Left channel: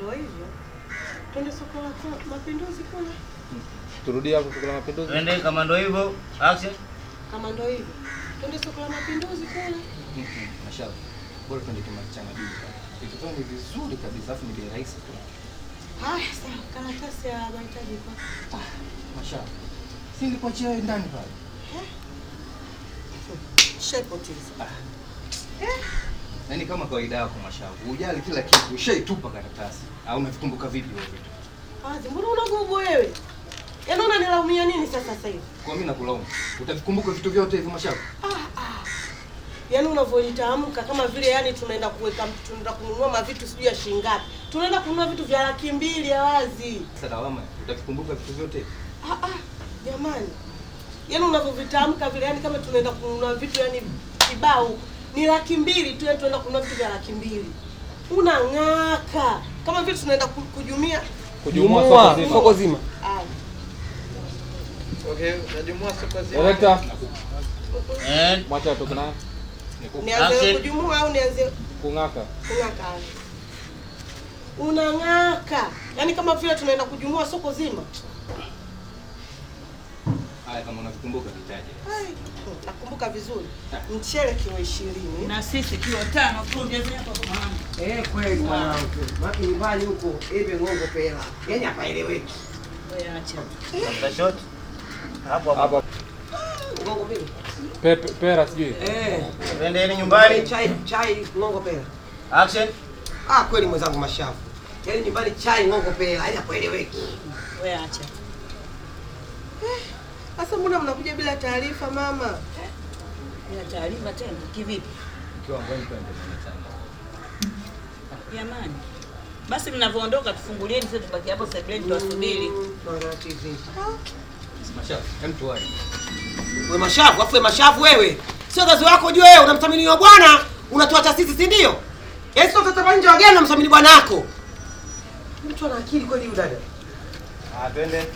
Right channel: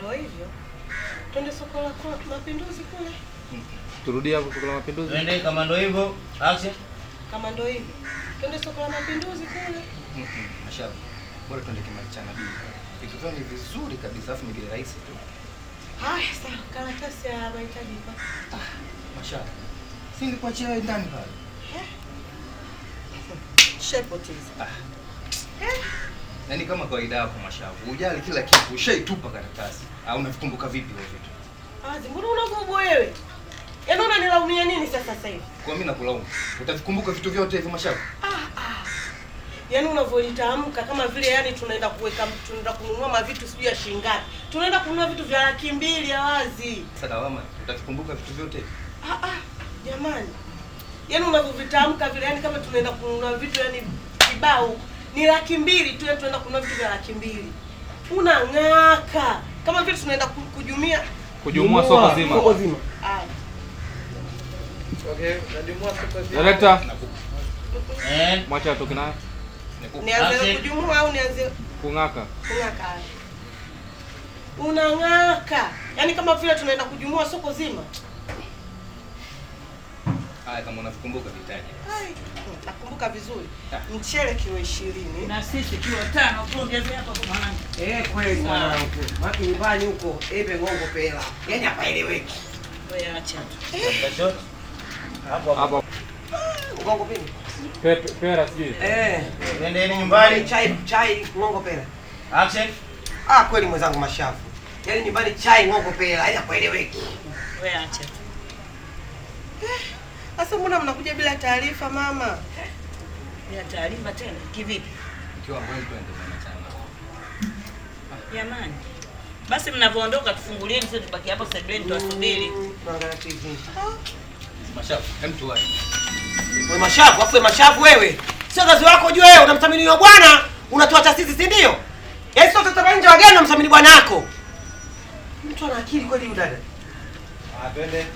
ndio hivyo. Twende soko la Mapinduzi kule. Turudi hapo soko la Mapinduzi. Twende kama ndio hivyo. Action. Kama ndio hivyo. Twende soko la Mapinduzi kule. Mashallah. Bora twende kimalichana bibi. Vitu vyao ni vizuri kabisa, afu ni vile rahisi tu. Haya, sawa. Karatasi ya mahitaji kwa. Mashallah. Singekuachia wewe ndani pale. Shepotiza. Yaani kama kawaida yako Mashavu, hujali kila kitu, ushaitupa karatasi. Au unavikumbuka vipi wewe vitu? Mbona unagogo wewe? Yaani unanilaumia nini sasa hivi? Kwa mimi nakulaumu. Utavikumbuka vitu vyote hivyo Mashavu? Yaani unavyolitamka kama vile yani tunaenda kununua mavitu sijui ya shilingi ngapi. Tunaenda kununua vitu vya 200,000 ya wazi. Sasa lawama, utavikumbuka vitu vyote? Jamani. Yaani unavyovitamka vile yani kama tunaenda kununua vitu yani kibao ni 200,000 tu, tunaenda kununua vitu vya 200,000. Unang'aka. Kama vile tunaenda kujumua soko zima. Okay, najumua soko zima. Director. Mwacha atoke naye. Nianze kujumua au nianze kung'aka? Kung'aka. Unang'aka. Yaani kama vile tunaenda kujumua soko zima. Haya, kama unavikumbuka vitaje. Nakumbuka vizuri. Mchele kilo 20 na sisi kilo 5 tuongeze hapa kwa maana. Kweli mwanangu. Maki nyumbani huko ebe ngongo pela. Yaani hapaeleweki. Wewe acha tu. Hapo. Ngongo vipi? Pera sijui. Twende nyumbani. Chai ngongo pela. Action. Kweli mwenzangu Mashavu. Yaani nyumbani chai ngongo pela, yaani hapaeleweki. Wewe acha. Sasa mbona mnakuja bila taarifa mama? Bila taarifa tena? Kivipi? Mkiwa mbona twende mwanachama. Jamani. Basi mnavoondoka tufungulieni sisi tubaki hapo sebuleni tuwasubiri. Tuangalie TV. Mashavu, hem tuwahi. Wewe Mashavu, afu Mashavu wewe. Sio kazi wako ujue wewe unamthamini wa bwana, unatuacha sisi si ndio? Yaani sio tutoka nje wageni unamthamini bwana wako. Mtu ana akili kweli huyu dada. Twende.